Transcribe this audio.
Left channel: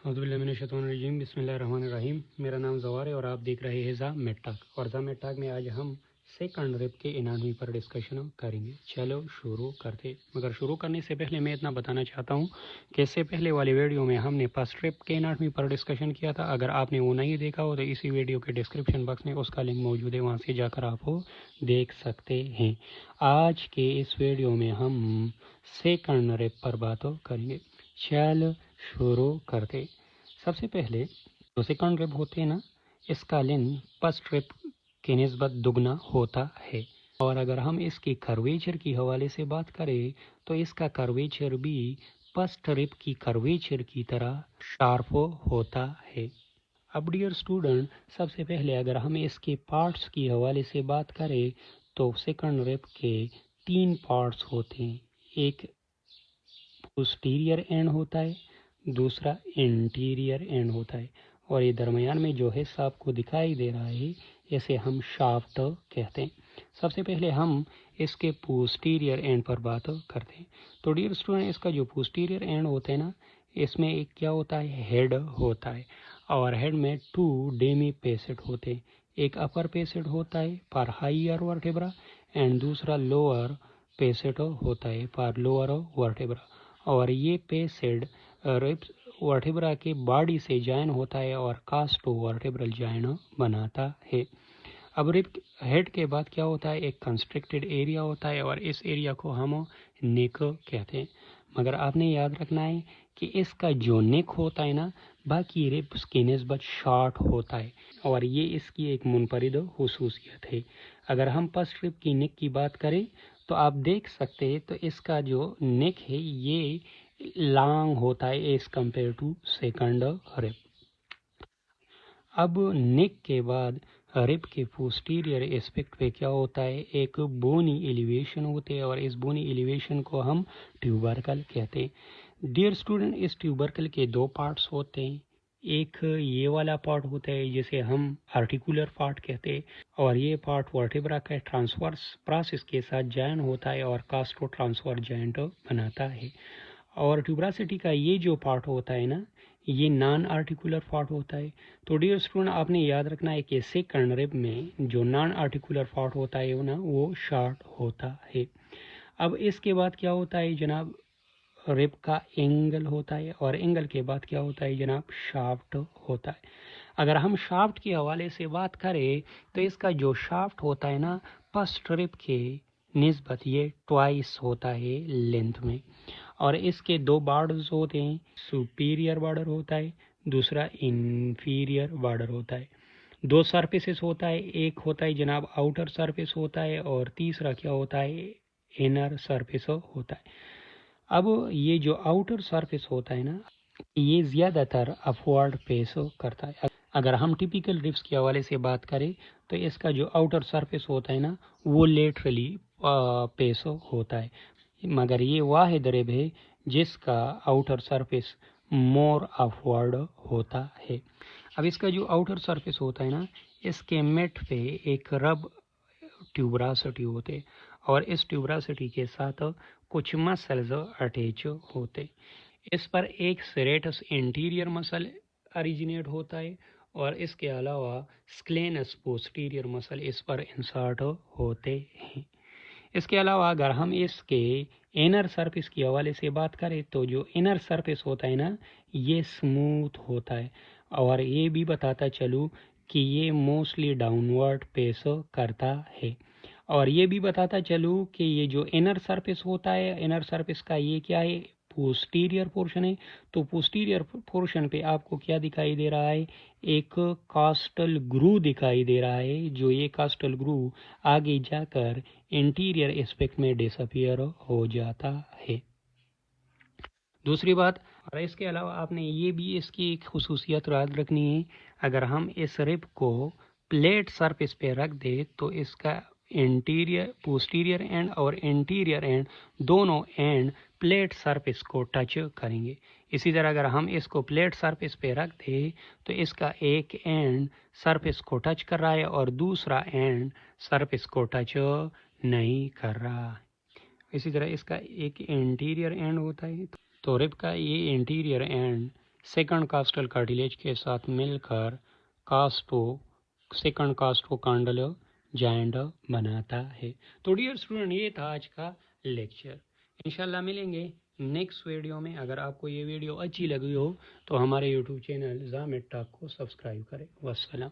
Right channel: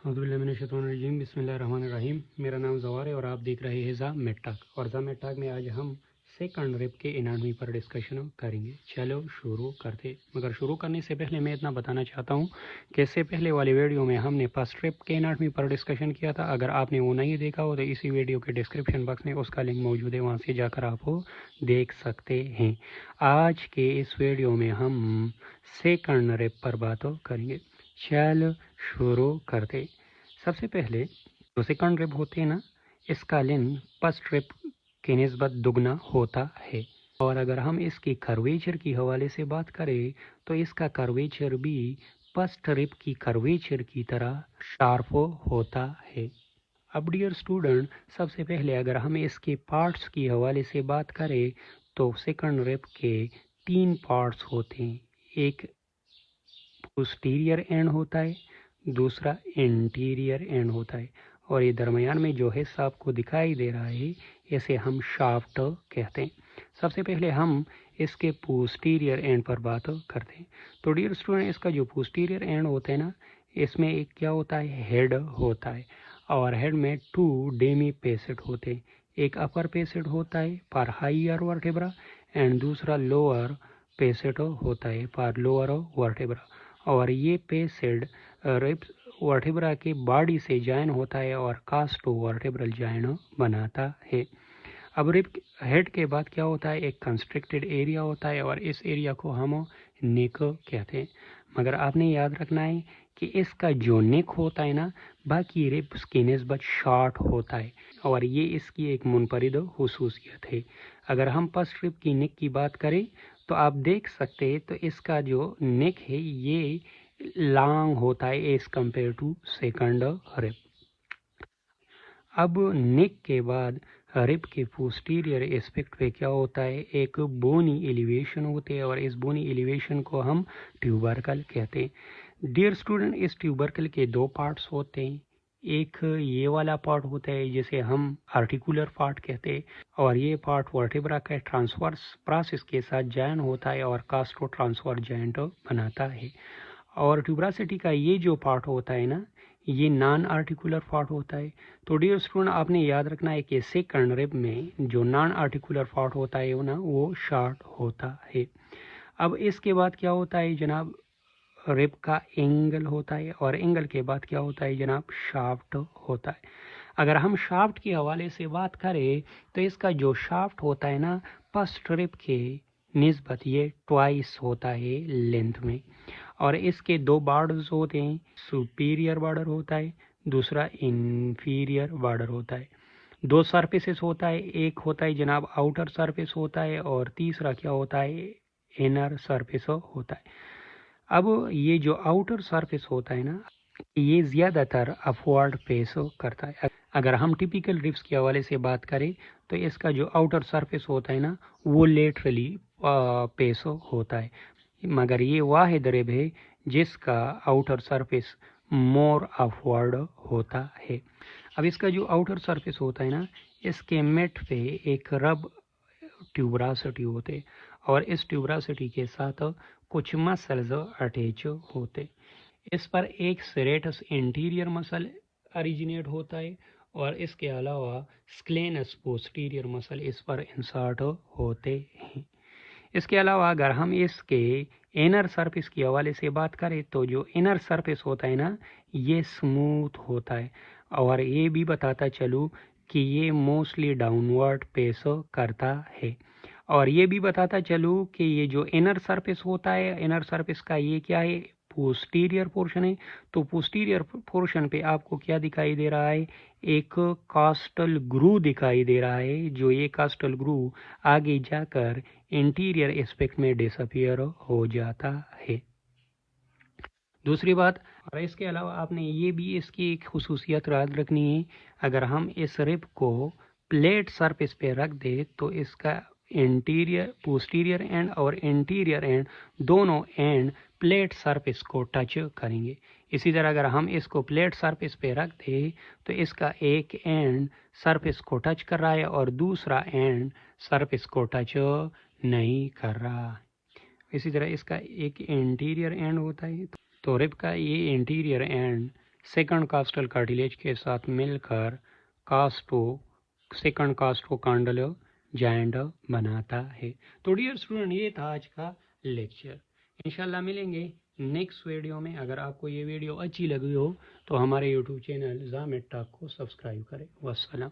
अऊज़ुबिल्लाहिमिनश्शैतानिर्रजीम बिस्मिल्लाहिर्रहमानिर्रहीम। मेरा नाम ज़वार है और आप देख रहे हैं ज़ा मेटाक। और ज़ा मेटाक में आज हम सेकंड रिप के एनाटॉमी पर डिस्कशन करेंगे। चलो शुरू करते। मगर शुरू करने से पहले मैं इतना बताना चाहता हूँ कि इससे पहले वाली वीडियो में हमने फर्स्ट रिप के एनाटॉमी पर डिस्कशन किया था। अगर आपने वो नहीं देखा हो तो इसी वीडियो के डिस्क्रिप्शन बॉक्स में उसका लिंक मौजूद है, वहाँ से जाकर आप वो देख सकते हैं। आज के इस वीडियो में हम सेकंड रिप पर बात करेंगे। चल शुरू करते। सबसे पहले जो सेकंड रिप होते हैं ना, इसका लेंथ फर्स्ट रिप के निस्बत दुगना होता है। और अगर हम इसकी कर्वेचर की हवाले से बात करें तो इसका कर्वेचर भी फर्स्ट रिप की कर्वेचर की तरह शार्प होता है। अब डियर स्टूडेंट, सबसे पहले अगर हम इसके पार्ट्स की हवाले से बात करें तो सेकंड रिप के 3 पार्ट्स होते हैं। एक पोस्टीरियर एंड होता है, दूसरा इंटीरियर एंड होता है, और ये दरमियान में जो हिस्सा आपको दिखाई दे रहा है इसे हम शाफ्ट कहते हैं। सबसे पहले हम इसके पोस्टीरियर एंड पर बात करते हैं। तो डियर स्टूडेंट, इसका जो पोस्टीरियर एंड होता है ना, इसमें एक क्या होता है, हेड होता है, और हेड में 2 डेमी पेसेट होते हैं। एक अपर पेसेट होता है पर हायर वर्टेब्रा एंड दूसरा लोअर पेसेट होता है पर लोअर वर्टेब्रा। और ये पेसेड रिब्स वर्टेब्रा के बॉडी से जॉइन होता है और कास्टो वर्टेब्रल जॉइन बनाता है। अब रिब हेड के बाद क्या होता है, एक कंस्ट्रिक्टेड एरिया होता है और इस एरिया को हम नेक कहते हैं। मगर आपने याद रखना है कि इसका जो नेक होता है ना, बाकी रिब्स की निस्बत शॉर्ट होता है और ये इसकी एक मुनफरिद हुसूसियत है। अगर हम फर्स्ट रिब की नेक की बात करें तो आप देख सकते हैं तो इसका जो नेक है ये लॉन्ग होता है as compare to second rib. अब नेक के बाद रिब के पोस्टीरियर एस्पेक्ट पे क्या होता है, एक बोनी एलिवेशन होते हैं और इस बोनी एलिवेशन को हम ट्यूबरकल कहते हैं। डियर स्टूडेंट, इस ट्यूबरकल के 2 पार्ट्स होते हैं। एक ये वाला पार्ट होता है जिसे हम आर्टिकुलर पार्ट कहते हैं, और ये पार्ट वर्टेब्रा के ट्रांसवर्स प्रोसेस के साथ जॉइन होता है और कास्टो ट्रांसवर्स जॉइंट बनाता है। और ट्यूबरासिटी का ये जो पार्ट होता है ना, ये नॉन आर्टिकुलर पार्ट होता है। तो डियर स्टूडेंट, आपने याद रखना है कि सेकंड रिब में जो नॉन आर्टिकुलर पार्ट होता है वो ना, वो शॉर्ट होता है। अब इसके बाद क्या होता है जनाब, रिब का एंगल होता है, और एंगल के बाद क्या होता है जनाब, शाफ्ट होता है। अगर हम शाफ्ट के हवाले से बात करें तो इसका जो शाफ्ट होता है ना, फर्स्ट रिब के निस्बत ये ट्वाइस होता है लेंथ में, और इसके 2 बॉर्डर्स होते हैं। सुपीरियर बॉर्डर होता है, दूसरा इंफीरियर बॉर्डर होता है। 2 सरफेसेस होता है, एक होता है जनाब आउटर सरफेस होता है और तीसरा क्या होता है, इनर सरफेस होता है। अब ये जो आउटर सरफेस होता है ना, ये ज़्यादातर अपवर्ड पेस करता है। अगर हम टिपिकल रिब्स के हवाले से बात करें तो इसका जो आउटर सरफेस होता है ना, वो लेटरली पेस होता है, मगर ये वाहिद रिब है जिसका आउटर सरफेस मोर अपवर्ड होता है। अब इसका जो आउटर सरफेस होता है ना, इसके मेट पे एक रब ट्यूबरासिटी होते और इस ट्यूबरासिटी के साथ कुछ मसल्स अटैच होते। इस पर एक सेरेटस इंटीरियर मसल ओरिजिनेट होता है और इसके अलावा स्क्लेनस पोस्टीरियर मसल इस पर इंसर्ट होते हैं। इसके अलावा अगर हम इसके इनर सरफेस की हवाले से बात करें तो जो इनर सरफेस होता है ना, ये स्मूथ होता है, और ये भी बताता चलूँ कि ये मोस्टली डाउनवर्ड पेस करता है। और ये भी बताता चलूँ कि ये जो इनर सरफेस होता है, इनर सरफेस का ये क्या है, पोस्टीरियर पोर्शन है। तो पोस्टीरियर पोर्शन पे आपको क्या दिखाई दे रहा है, एक कास्टल ग्रू दिखाई दे रहा है, जो ये कास्टल ग्रू आगे जाकर इंटीरियर एस्पेक्ट में डिसअपियर हो जाता है। दूसरी बात, और इसके अलावा आपने ये भी इसकी एक खुसूसियत याद रखनी है, अगर हम इस रिब को प्लेट सरफेस पे रख दे तो इसका इंटीरियर पोस्टीरियर एंड और इंटीरियर एंड दोनों एंड प्लेट सरफेस को टच करेंगे। इसी तरह अगर हम इसको प्लेट सरफेस पे रख दें तो इसका एक एंड सरफेस को टच कर रहा है और दूसरा एंड सरफेस को टच नहीं कर रहा। इसी तरह इसका एक इंटीरियर एंड होता है, तो रिब का ये इंटीरियर एंड सेकंड कास्टल कार्टिलेज के साथ मिलकर सेकंड कास्टो कांडल जॉइंट बनाता है। तो डियर स्टूडेंट, ये था आज का लेक्चर। इंशाल्लाह मिलेंगे नेक्स्ट वीडियो में। अगर आपको ये वीडियो अच्छी लगी हो तो हमारे यूट्यूब चैनल ज़ा मेड टॉक को सब्सक्राइब करें। वस्सलाम।